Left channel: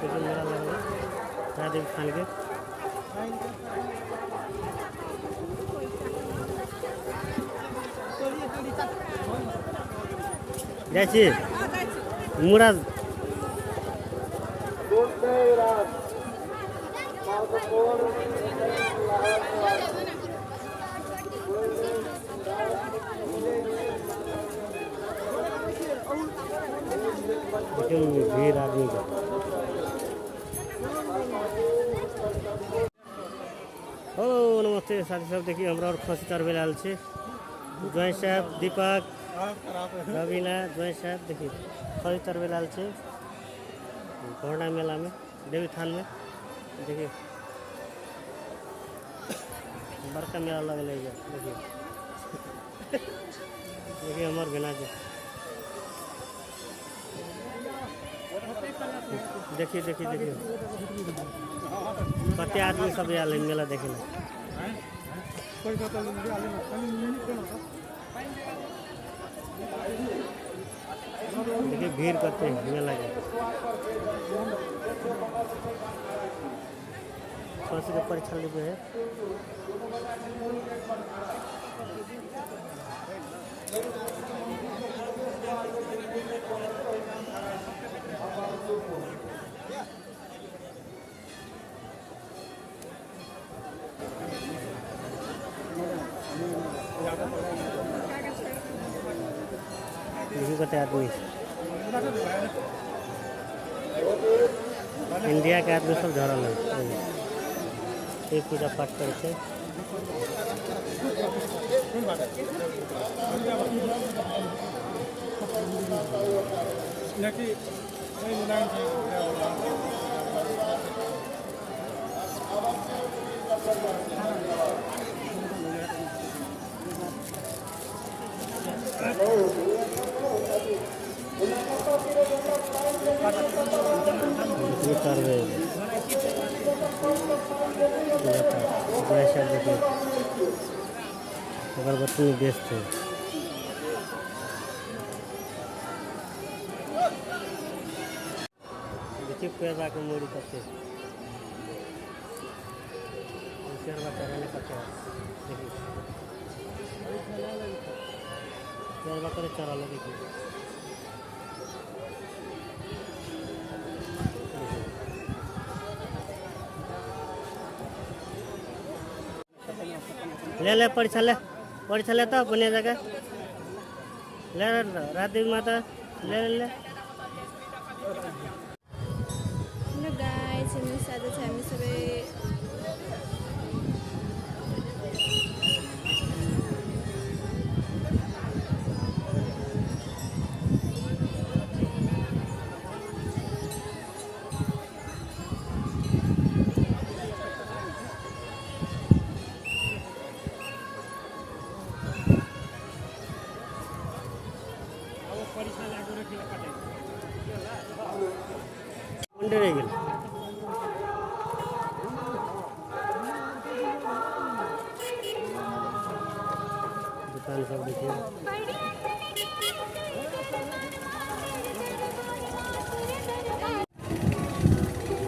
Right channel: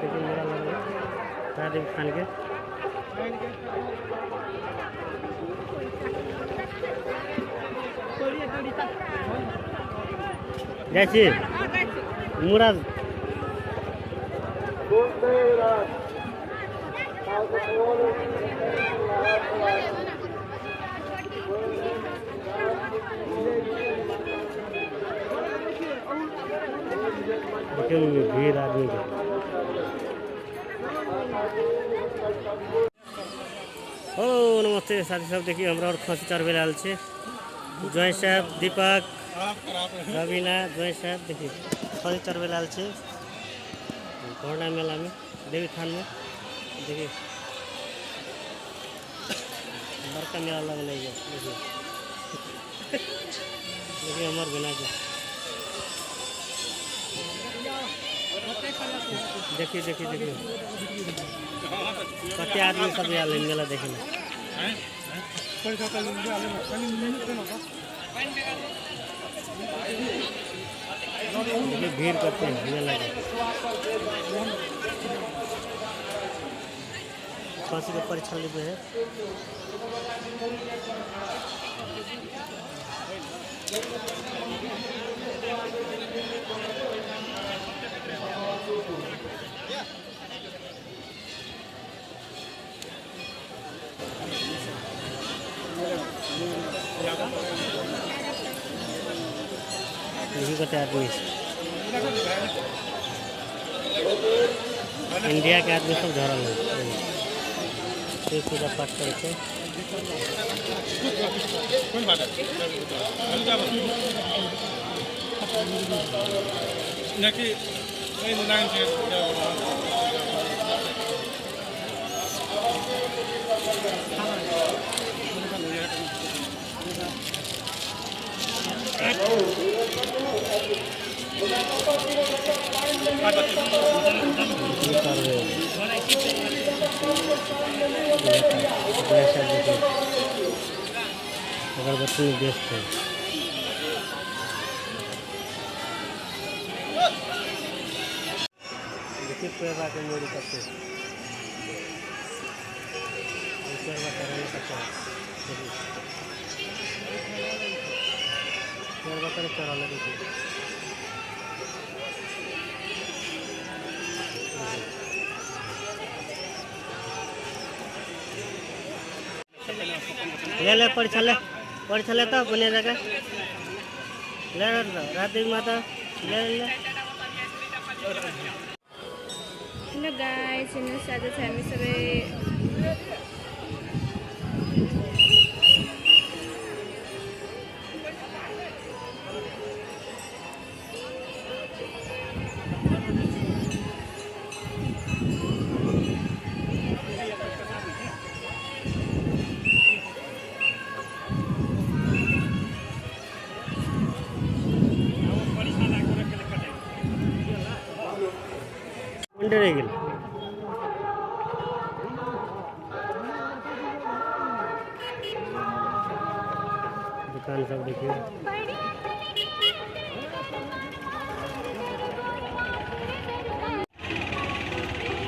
देखिए मेला लग रहा है राधे खान के। जाइए मुड़ा देखिए भीड़ आदमी के। ओ नमस्ते साथी सब, देखिए हमरा और खसी चढ़वे लाल छे जॉय साहब, दीपक, रवीना, जॉय साहब देखिए खसी चढ़वे लाल छे कोरोना मेला में देवी थान में। देखिए बड़का मेला लगल है। देखिए देखिए हमार बिना के देखिए देखिए देखिए कते आदमी सब आल मेला देखे ला। देखिए भीड़ करते हैं मेला के। फांसी के परीक्षा लेवे है। यही कते आदमी इंडिया के आदमी सब झरल है। ये पूजा पाठ करते अगरबत्ती में बेचते हैं। देखिए पेड़वा के मोड़ी करते पेड़वा कराने का पेड़वा करे चढ़ा लगे। ले ले परीक्षा ले तो बने जगह ले राधे माता ले ले। हेलो गाइस, हेर्नुहोस् आज चाहिँ हामी सबै रह गए। दुकान सब देखिए।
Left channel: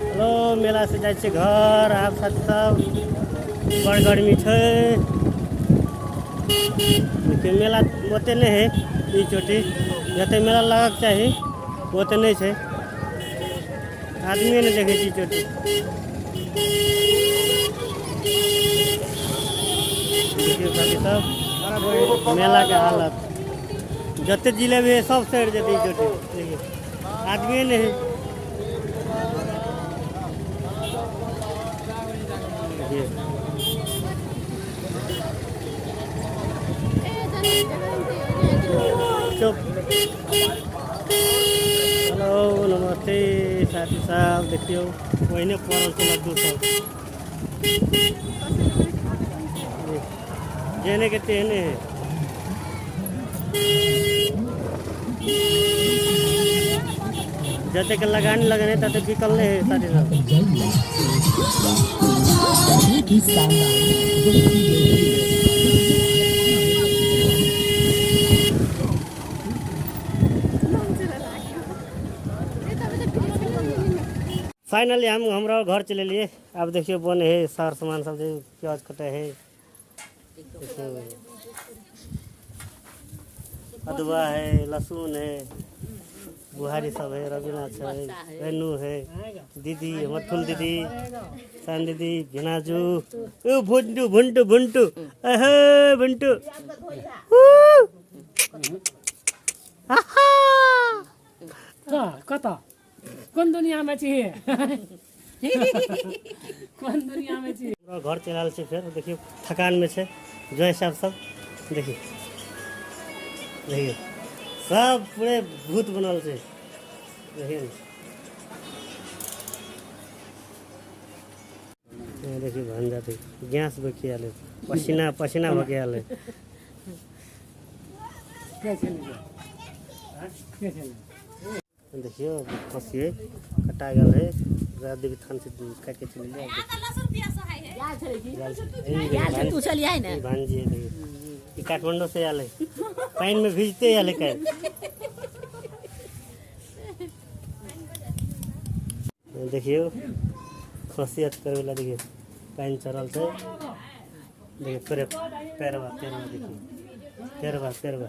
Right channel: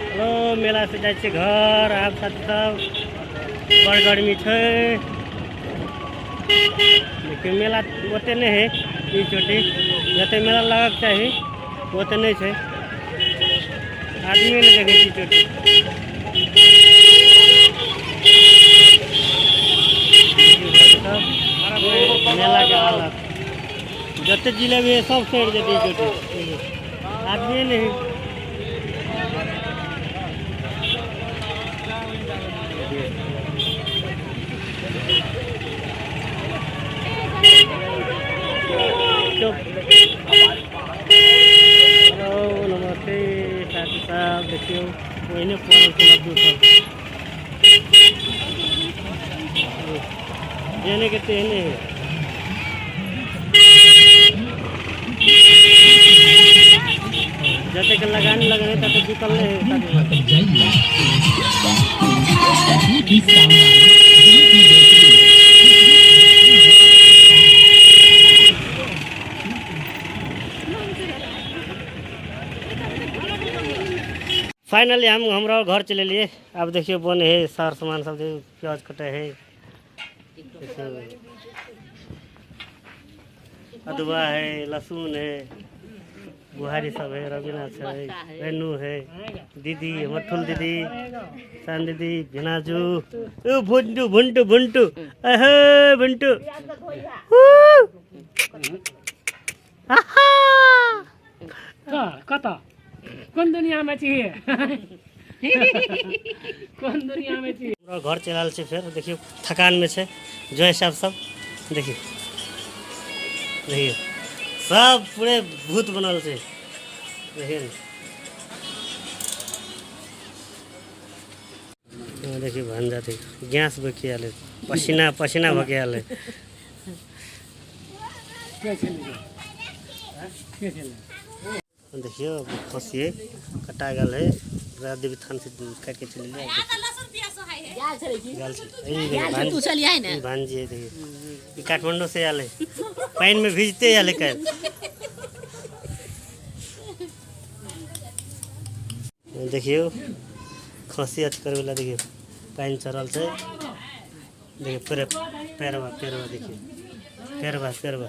हेलो मेला से जाए घर आप साथ सब बड़ गर्मी है। मेला ओते नहीं है ई चोटी जते मेला लगक चाहिए ओते नहीं है। आदमी ने देखे चोटी मेला के हालत जते जिले में सब साइड जाती चोटी आदमी नहीं। हेलो नमस्ते साथी सब, देखियो वही पड़ल के लड्डू सब देने के तेने है। जैसे कि लगाने लगने तब बिकल नहीं फाइनली हम हमरा घर चले लिए। अब देखियो बने है सार सामान सब, देखियो प्याज कटे है, देखियो अदवा है, लहसुन है, बुहारी सब है, रविनाथ है, रेनू है, दीदी मठुल दीदी, सान दीदी, भिनाजू, ओ भुंटू भुंटू भुंटू, अहे भुंटू, आहा कता कौन दुनिया में चाहिए कौन दुनिया में चाहिए। हमरा घर चलल छै फिर देखियो थकान में छै जॉय साहब सब, देखियो देखियो सब पूरे भूत बनल छै, देखियो ने। देखियो भांजा देखियो गैस बखी आले, पसीना पसीना भके आले। क्या चलेगा क्या चलेगा। देखियो खसी कटा गल है, देवी थान से काट के चले गया। भांजी है देखिए, ये काठमांडू से आले, पानी में भीजते आले कल। देखियो खसी अच करे वाला, देखिए पानी चढ़ल से, देखिए पैरवा पैरवा देखिए पैरवा पैरवा